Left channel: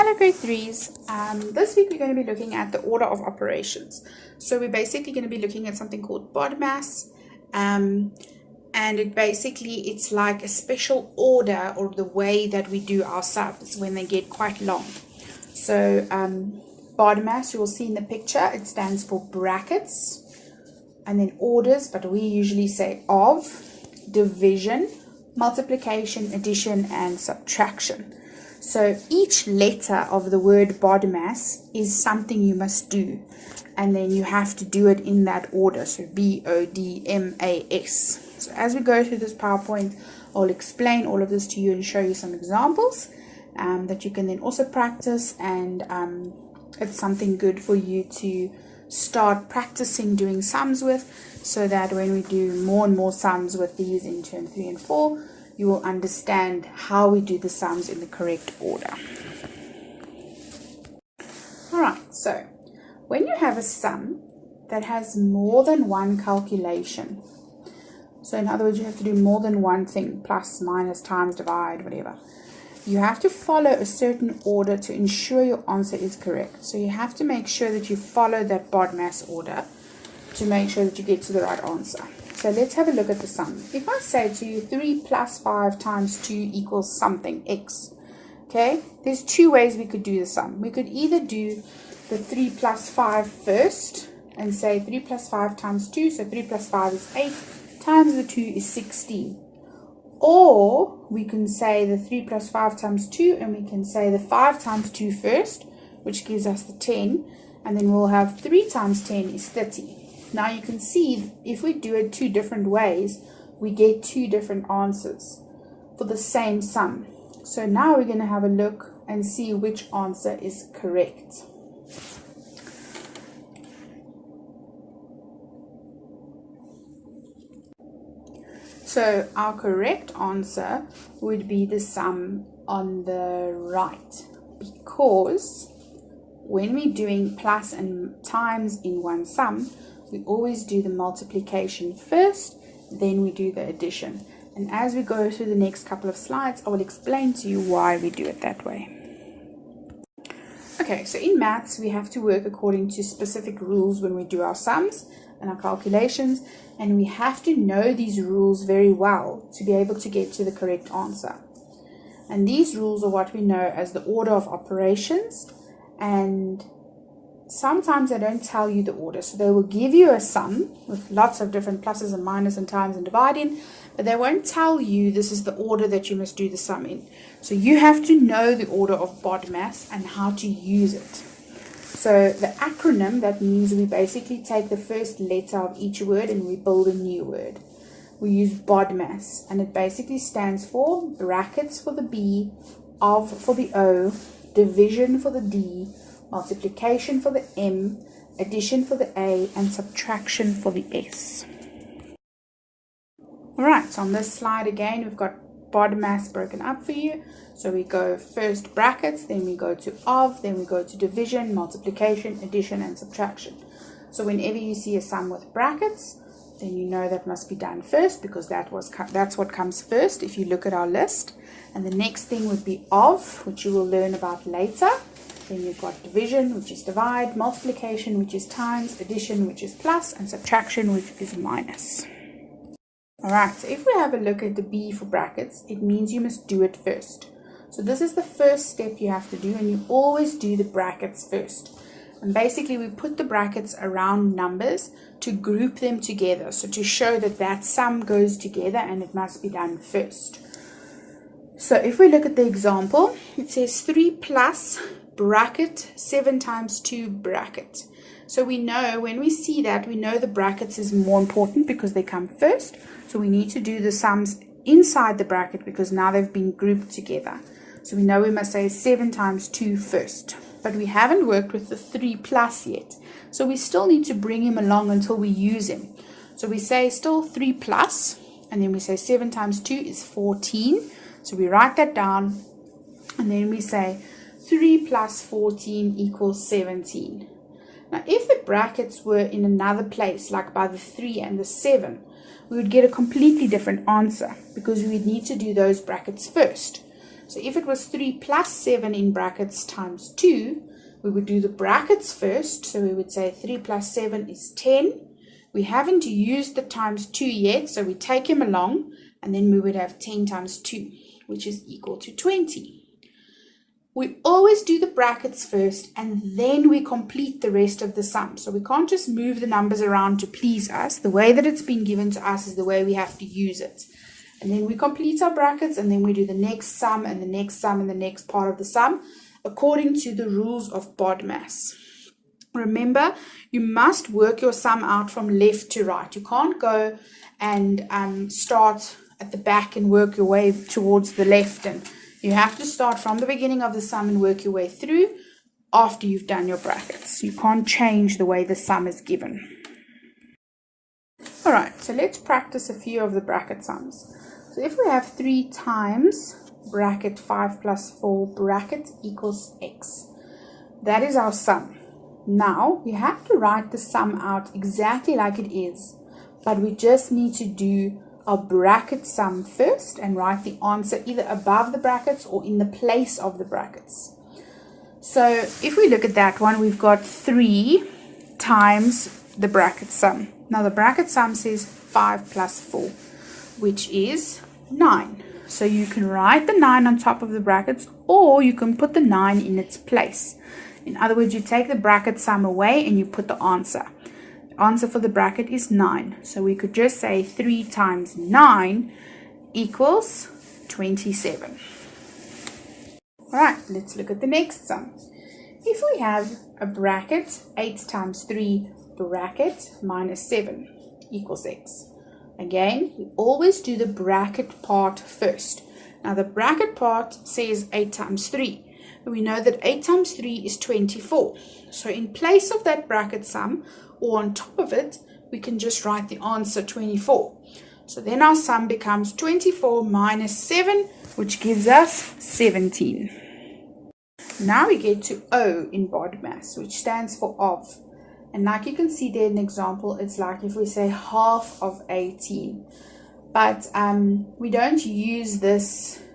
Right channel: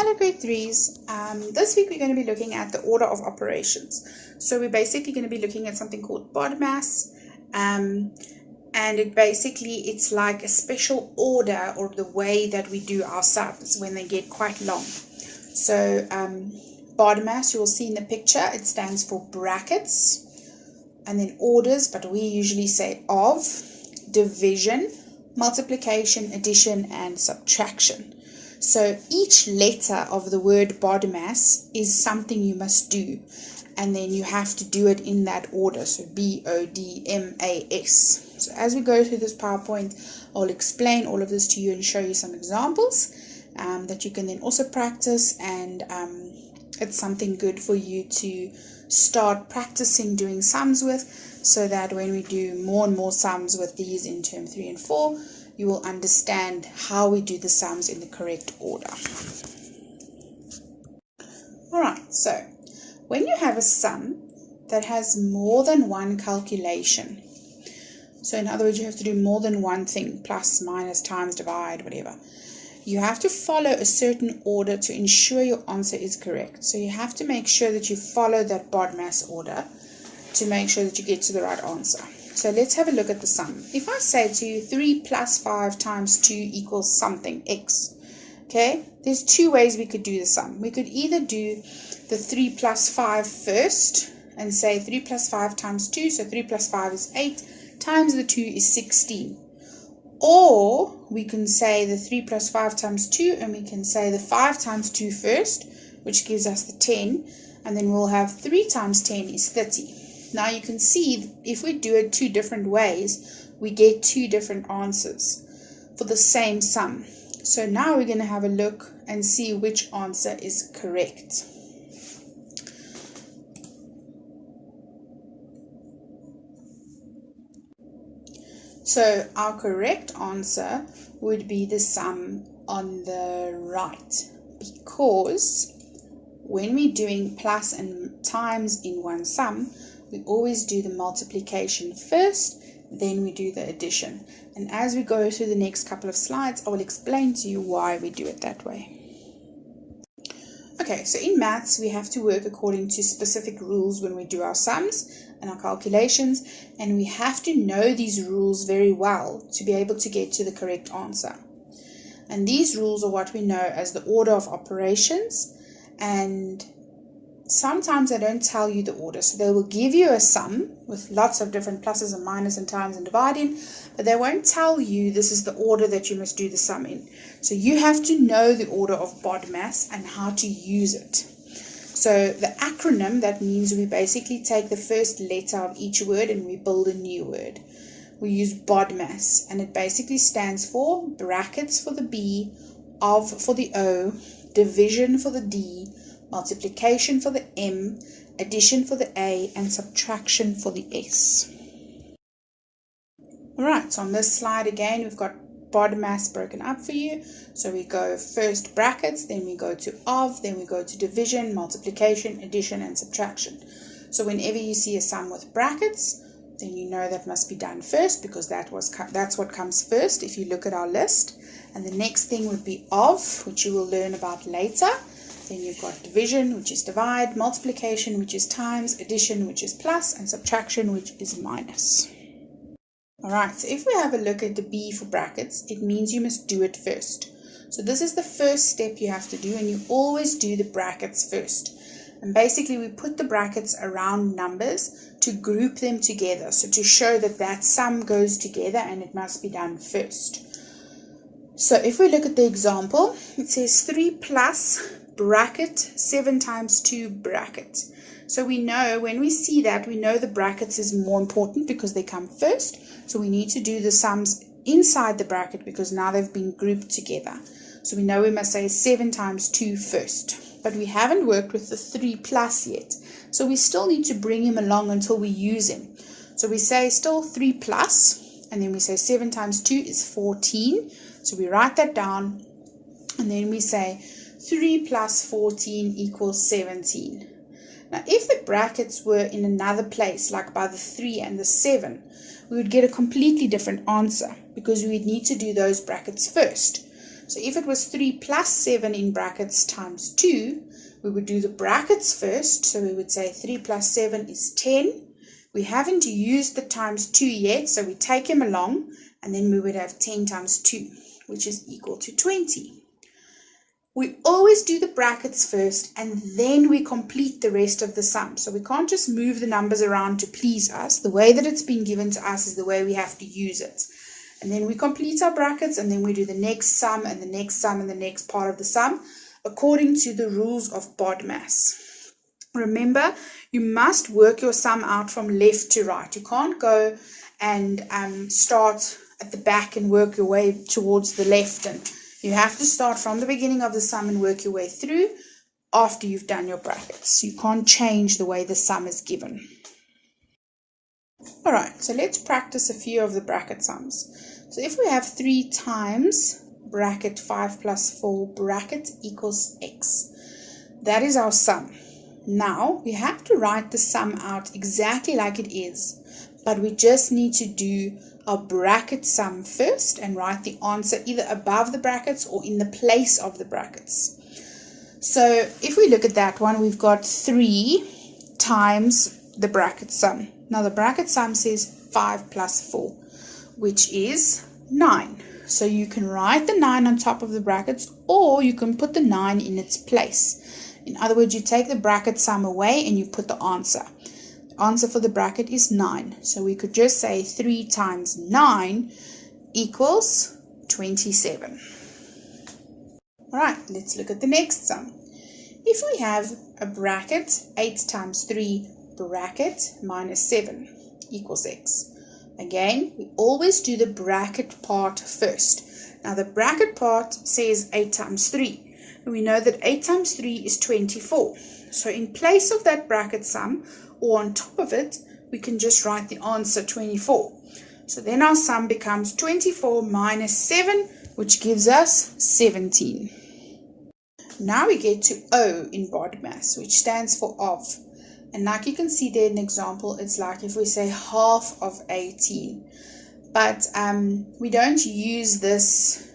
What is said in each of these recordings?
Hello grade 3s. This week we're going to be looking at the order of operations. So we're basically going to be looking at something called BODMAS, and it's like a special order or the way that we do our sums when they get quite long. So BODMAS, you will see in the picture, it stands for brackets and then orders, but we usually say of, division, multiplication, addition, and subtraction. So each letter of the word BODMAS is something you must do, and then you have to do it in that order. So BODMAS. So as we go through this PowerPoint, I'll explain all of this to you and show you some examples that you can then also practice, and it's something good for you to start practicing doing sums with, so that when we do more and more sums with these in term 3 and 4, you will understand how we do the sums in the correct order. Alright, so when you have a sum that has more than one calculation, so in other words you have to do more than one thing, plus, minus, times, divide, whatever, you have to follow a certain order to ensure your answer is correct. So you have to make sure that you follow that BODMAS order to make sure that you get to the right answer. So let's have a look at the sum. If I say to you 3 plus 5 times 2 equals something, x, okay, there's two ways we could do the sum. We could either do the 3 plus 5 first and say 3 plus 5 times 2, so 3 plus 5 is 8, times the 2 is 16. Or we can say the 3 plus 5 times 2, and we can say the 5 times 2 first, which gives us the 10, and then we'll have 3 times 10 is 30. Now you can see if we do it two different ways, we get two different answers for the same sum. So now we're going to have a look and see which answer is correct. So our correct answer would be the sum on the right, because when we're doing plus and times in one sum, we always do the multiplication first, then we do the addition. And as we go through the next couple of slides, I will explain to you why we do it that way. Okay, so in maths, we have to work according to specific rules when we do our sums and our calculations, and we have to know these rules very well to be able to get to the correct answer. And these rules are what we know as the order of operations, and sometimes they don't tell you the order. So they will give you a sum with lots of different pluses and minuses and times and dividing, but they won't tell you this is the order that you must do the sum in. So you have to know the order of BODMAS and how to use it. So the acronym, that means we basically take the first letter of each word and we build a new word. We use BODMAS, and it basically stands for brackets for the B, of for the O, division for the D, multiplication for the M, addition for the A, and subtraction for the S. Alright, so on this slide again, we've got BODMAS broken up for you. So we go first brackets, then we go to of, then we go to division, multiplication, addition, and subtraction. So whenever you see a sum with brackets, then you know that must be done first, because that's what comes first if you look at our list. And the next thing would be of, which you will learn about later. Then you've got division, which is divide, multiplication, which is times, addition, which is plus, and subtraction, which is minus. Alright, so if we have a look at the B for brackets, it means you must do it first. So this is the first step you have to do, and you always do the brackets first. And basically we put the brackets around numbers to group them together, so to show that that sum goes together and it must be done first. So if we look at the example, it says 3 plus bracket 7 times 2 bracket. So we know when we see that, we know the brackets is more important because they come first. So we need to do the sums inside the bracket because now they've been grouped together. So we know we must say 7 times 2 first. But we haven't worked with the 3 plus yet. So we still need to bring him along until we use him. So we say still 3 plus, and then we say 7 times 2 is 14. So we write that down, and then we say 3 plus 14 equals 17. Now, if the brackets were in another place, like by the 3 and the 7, we would get a completely different answer because we would need to do those brackets first. So if it was 3 plus 7 in brackets times 2, we would do the brackets first. So we would say 3 plus 7 is 10. We haven't used the times 2 yet, so we take him along, and then we would have 10 times 2, which is equal to 20. We always do the brackets first, and then we complete the rest of the sum. So we can't just move the numbers around to please us. The way that it's been given to us is the way we have to use it. And then we complete our brackets, and then we do the next sum and the next sum and the next part of the sum according to the rules of BODMAS. Remember, you must work your sum out from left to right. You can't go and start at the back and work your way towards the left. And you have to start from the beginning of the sum and work your way through after you've done your brackets. You can't change the way the sum is given. Alright, so let's practice a few of the bracket sums. So if we have 3 times bracket 5 plus 4 bracket equals x, that is our sum. Now we have to write the sum out exactly like it is, but we just need to do our bracket sum first and write the answer either above the brackets or in the place of the brackets. So if we look at that one, we've got 3 times the bracket sum. Now the bracket sum says 5 plus 4, which is 9. So you can write the 9 on top of the brackets, or you can put the 9 in its place. In other words, you take the bracket sum away and you put the answer. The answer for the bracket is 9. So we could just say 3 times 9 equals 27. Alright, let's look at the next sum. If we have a bracket 8 times 3 bracket minus 7 equals x. Again, we always do the bracket part first. Now the bracket part says 8 times 3. We know that 8 times 3 is 24. So in place of that bracket sum, or on top of it, we can just write the answer 24. So then our sum becomes 24 minus 7, which gives us 17. Now we get to O in BODMAS, which stands for of. And like you can see there in the example, it's like if we say half of 18. But we don't use this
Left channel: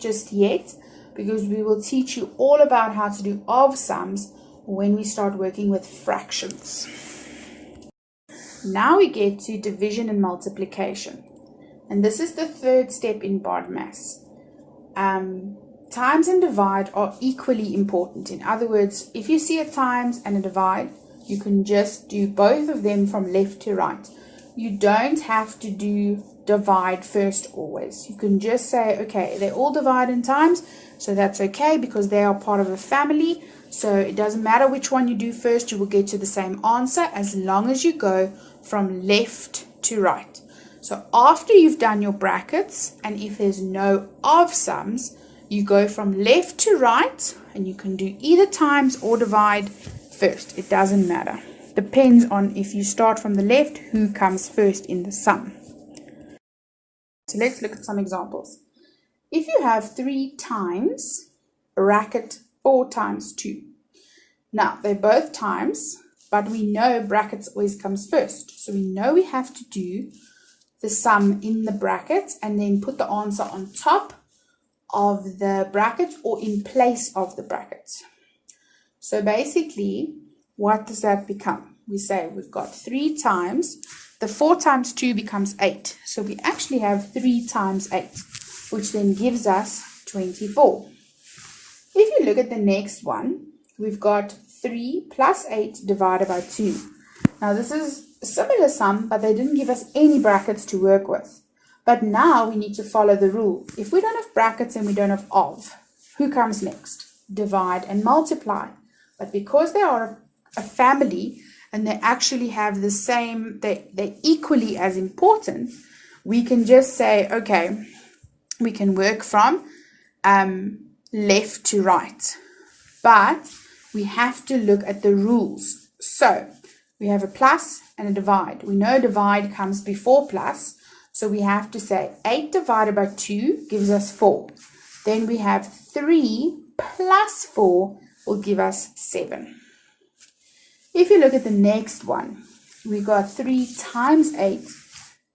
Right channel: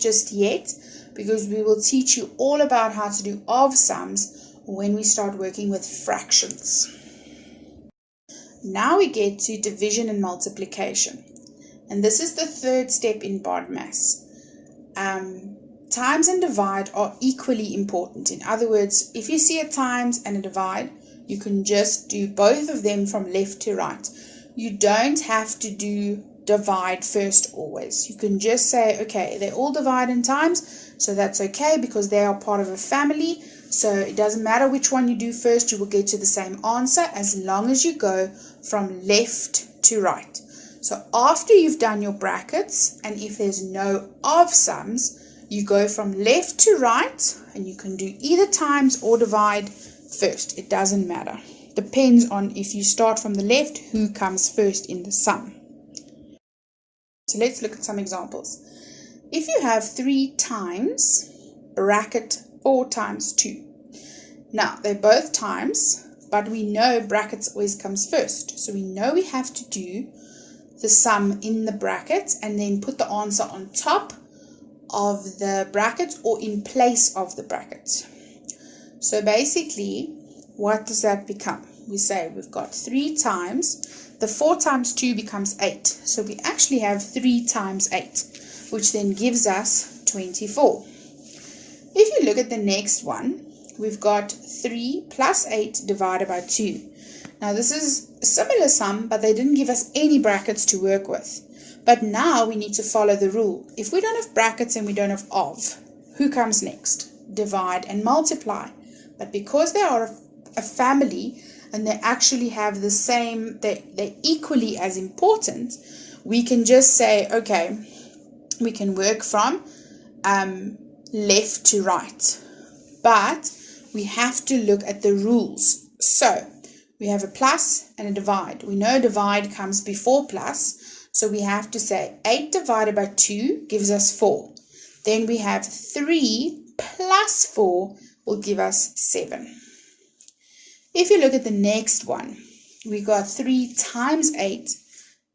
just yet, because we will teach you all about how to do of sums when we start working with fractions. Now we get to division and multiplication. And this is the third step in BODMAS. Times and divide are equally important. In other words, if you see a times and a divide, you can just do both of them from left to right. You don't have to do divide first always. You can just say, okay, they all divide in times, so that's okay because they are part of a family. So it doesn't matter which one you do first, you will get to the same answer as long as you go from left to right. So after you've done your brackets, and if there's no of sums, you go from left to right, and you can do either times or divide first. It doesn't matter. Depends on if you start from the left, who comes first in the sum. So let's look at some examples. If you have 3 times bracket 4 times 2. Now, they're both times, but we know brackets always comes first. So we know we have to do the sum in the bracket and then put the answer on top of the bracket or in place of the bracket. So basically, what does that become? We say we've got 3 times, the 4 times 2 becomes 8. So we actually have 3 times 8, which then gives us 24. If you look at the next one, we've got 3 plus 8 divided by 2. Now this is a similar sum, but they didn't give us any brackets to work with. But now we need to follow the rule. If we don't have brackets and we don't have of, who comes next? Divide and multiply. But because they are a family and they actually have the same, they're equally as important, we can just say, okay, we can work from left to right. But we have to look at the rules. So we have a plus and a divide. We know divide comes before plus. So we have to say 8 divided by 2 gives us 4. Then we have 3 plus 4 will give us 7. If you look at the next one, we got 3 times 8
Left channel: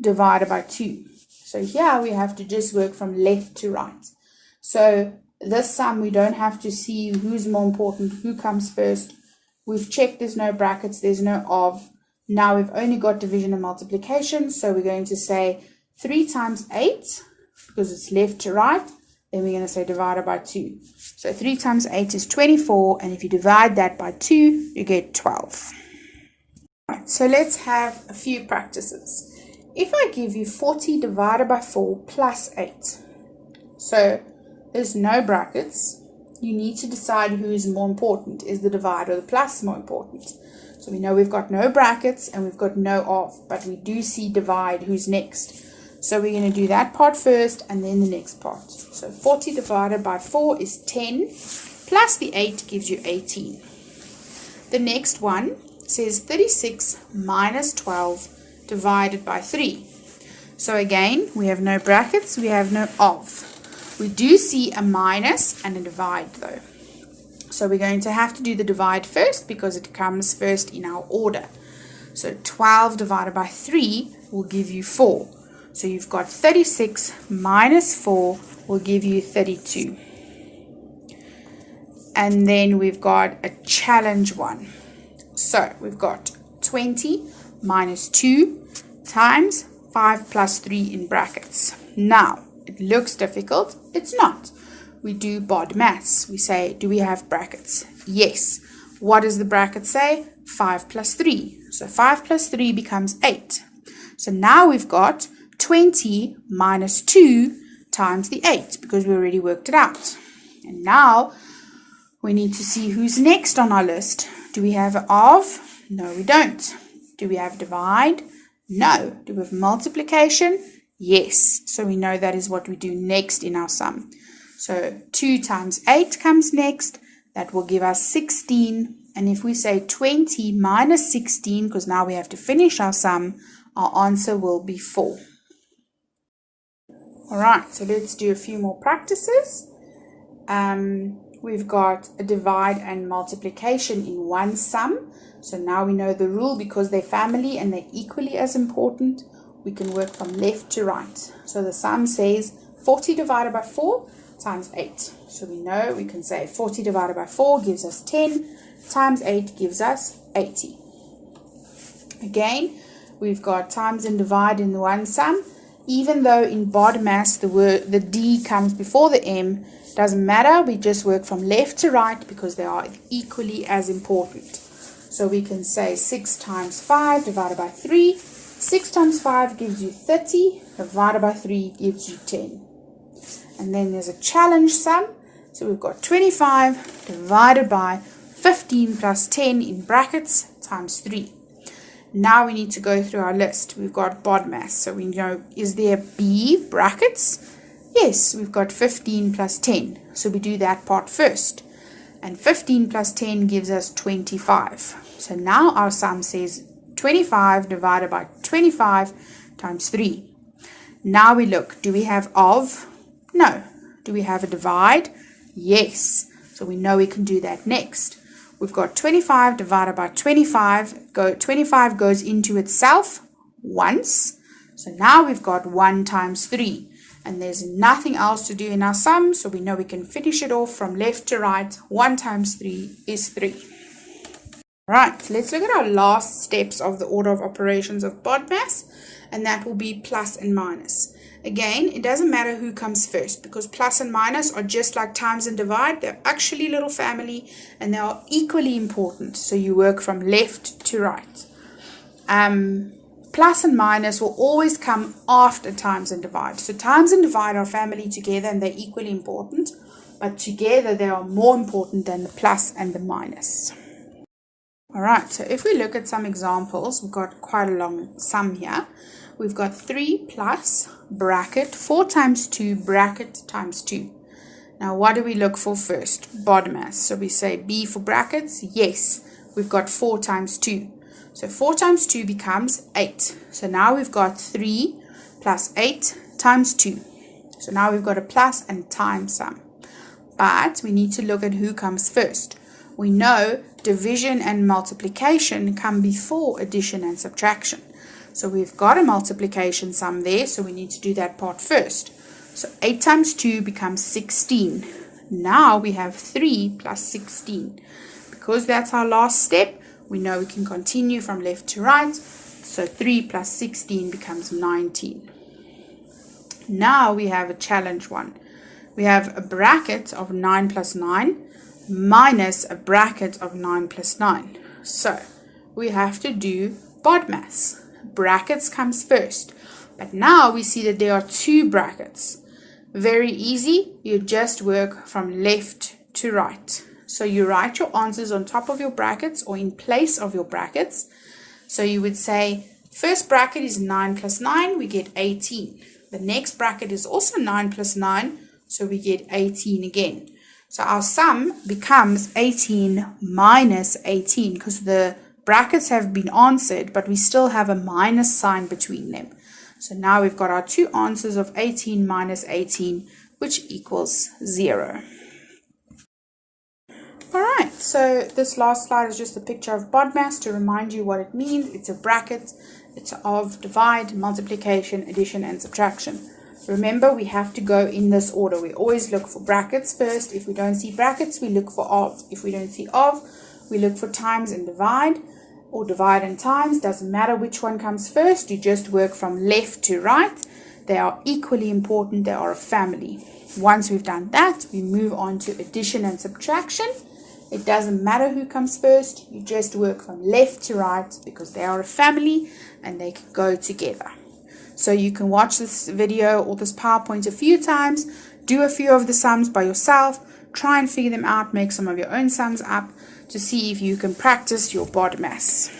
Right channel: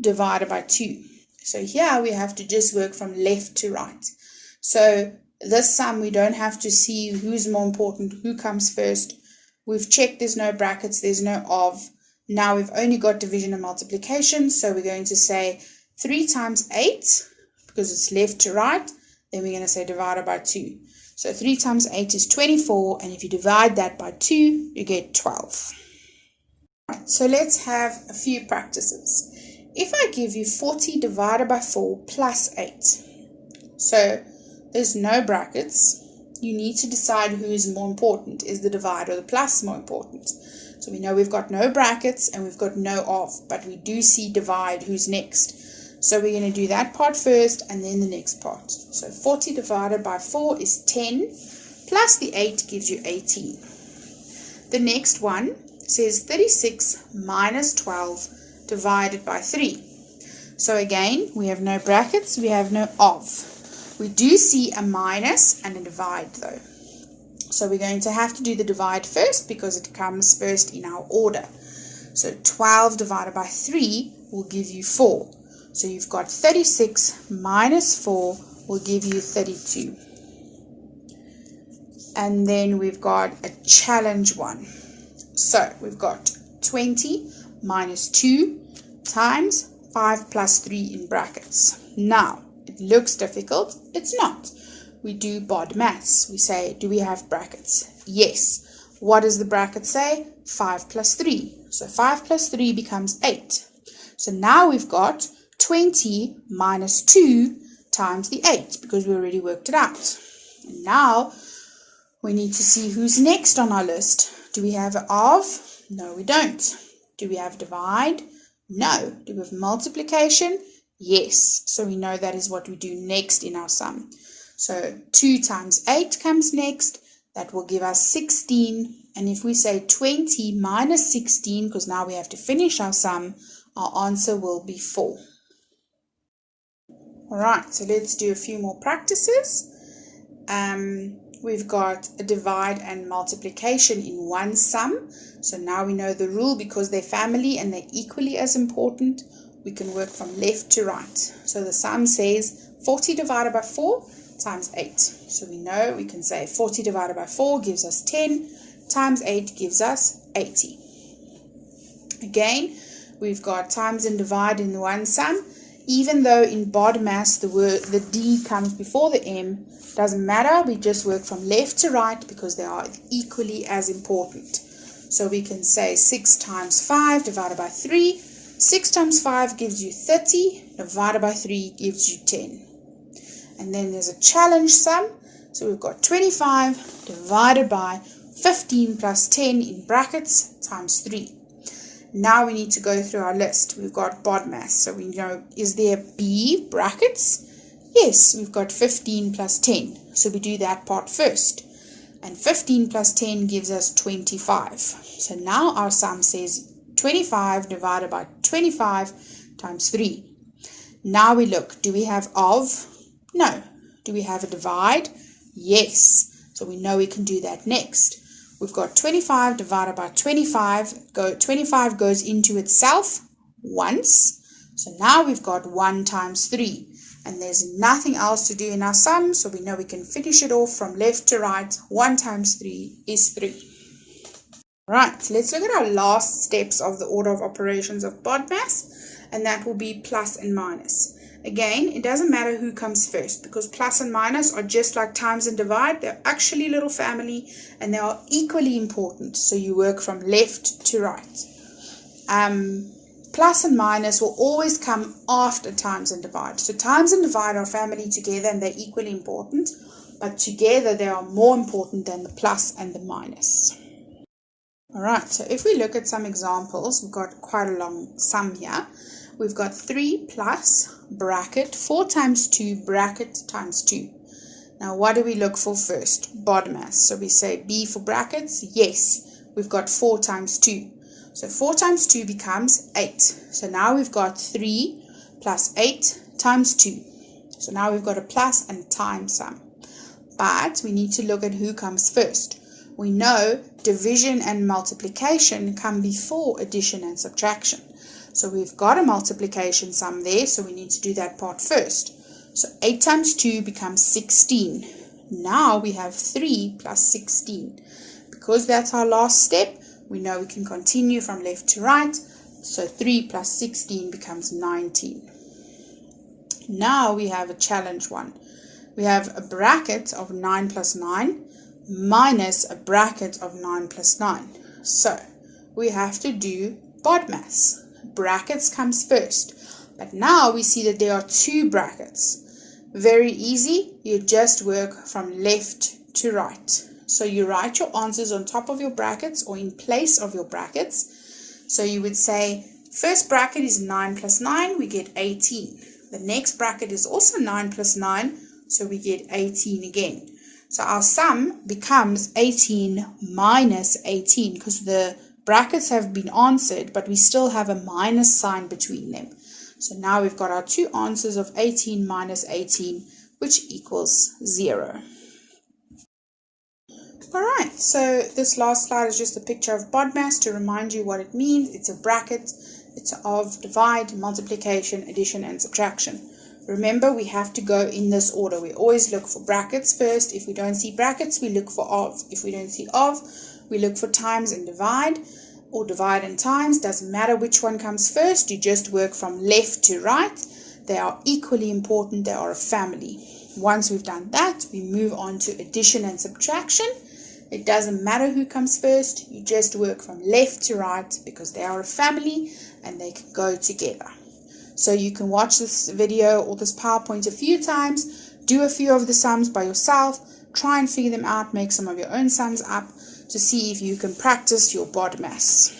divided by 2. So here we have to just work from left to right. So this sum, we don't have to see who's more important, who comes first. We've checked there's no brackets, there's no of. Now we've only got division and multiplication, so we're going to say 3 times 8, because it's left to right, then we're going to say divided by 2. So 3 times 8 is 24, and if you divide that by 2, you get 12. Right, so let's have a few practices. If I give you 40 divided by 4 plus 8, so there's no brackets, you need to decide who is more important. Is the divide or the plus more important? So we know we've got no brackets and we've got no of, but we do see divide, who's next. So we're going to do that part first and then the next part. So 40 divided by 4 is 10, plus the 8 gives you 18. The next one says 36 minus 12 divided by 3. So again, we have no brackets, we have no of. We do see a minus and a divide though. So we're going to have to do the divide first because it comes first in our order. So 12 divided by 3 will give you 4. So you've got 36 minus 4 will give you 32. And then we've got a challenge one. So we've got 20 minus 2 times 5 plus 3 in brackets. Now, it looks difficult. It's not. We do BODMAS. We say, do we have brackets? Yes. What does the bracket say? 5 plus 3. So 5 plus 3 becomes 8. So now we've got 20 minus 2 times the 8 because we already worked it out. And now we need to see who's next on our list. Do we have of? No, we don't. Do we have divide? No. Do we have multiplication? Yes. So we know that is what we do next in our sum. So 2 times 8 comes next. That will give us 16. And if we say 20 minus 16, because now we have to finish our sum, our answer will be 4. All right, so let's do a few more practices. We've got a divide and multiplication in one sum. So now we know the rule because they're family and they're equally as important. We can work from left to right. So the sum says 40 divided by 4 times 8. So we know we can say 40 divided by 4 gives us 10 times 8 gives us 80. Again, we've got times and divide in one sum. Even though in BODMAS the D comes before the M, doesn't matter. We just work from left to right because they are equally as important. So we can say 6 times 5 divided by 3. 6 times 5 gives you 30, divided by 3 gives you 10. And then there's a challenge sum. So we've got 25 divided by 15 plus 10 in brackets times 3. Now we need to go through our list. We've got BODMAS. So we know, is there B brackets? Yes, we've got 15 plus 10. So we do that part first. And 15 plus 10 gives us 25. So now our sum says 25 divided by 25 times 3. Now we look, do we have of? No. Do we have a divide? Yes. So we know we can do that next. We've got 25 divided by 25. 25 goes into itself once. So now we've got 1 times 3. And there's nothing else to do in our sum, so we know we can finish it off from left to right. 1 times 3 is 3. Right, let's look at our last steps of the order of operations of BODMAS, and that will be plus and minus. Again, it doesn't matter who comes first because plus and minus are just like times and divide. They're actually little family and they are equally important. So you work from left to right. Plus and minus will always come after times and divide. So times and divide are family together and they're equally important. But together they are more important than the plus and the minus. Alright, so if we look at some examples, we've got quite a long sum here. We've got 3 plus bracket 4 times 2 bracket times 2. Now what do we look for first? BODMAS. So we say B for brackets. Yes, we've got 4 times 2. So 4 times 2 becomes 8. So now we've got 3 plus 8 times 2. So now we've got a plus and time sum. But we need to look at who comes first. We know division and multiplication come before addition and subtraction. So we've got a multiplication sum there, so we need to do that part first. So 8 times 2 becomes 16. Now we have 3 plus 16. Because that's our last step, we know we can continue from left to right. So 3 plus 16 becomes 19. Now we have a challenge one. We have a bracket of 9 plus 9 minus a bracket of 9 plus 9. So we have to do BODMAS. Brackets comes first. But now we see that there are two brackets. Very easy. You just work from left to right. So you write your answers on top of your brackets or in place of your brackets. So you would say, first bracket is 9 plus 9, we get 18. The next bracket is also 9 plus 9, so we get 18 again. So our sum becomes 18 minus 18 because the brackets have been answered, but we still have a minus sign between them. So now we've got our two answers of 18 minus 18, which equals 0. Alright, so this last slide is just a picture of BODMAS to remind you what it means. It's a bracket. It's of divide, multiplication, addition, and subtraction. Remember, we have to go in this order. We always look for brackets first. If we don't see brackets, we look for of. If we don't see of, we look for times and divide, or divide and times. Doesn't matter which one comes first. You just work from left to right. They are equally important. They are a family. Once we've done that, we move on to addition and subtraction. It doesn't matter who comes first. You just work from left to right because they are a family and they can go together. So you can watch this video or this PowerPoint a few times, do a few of the sums by yourself, try and figure them out, make some of your own sums up to see if you can practice your BODMAS.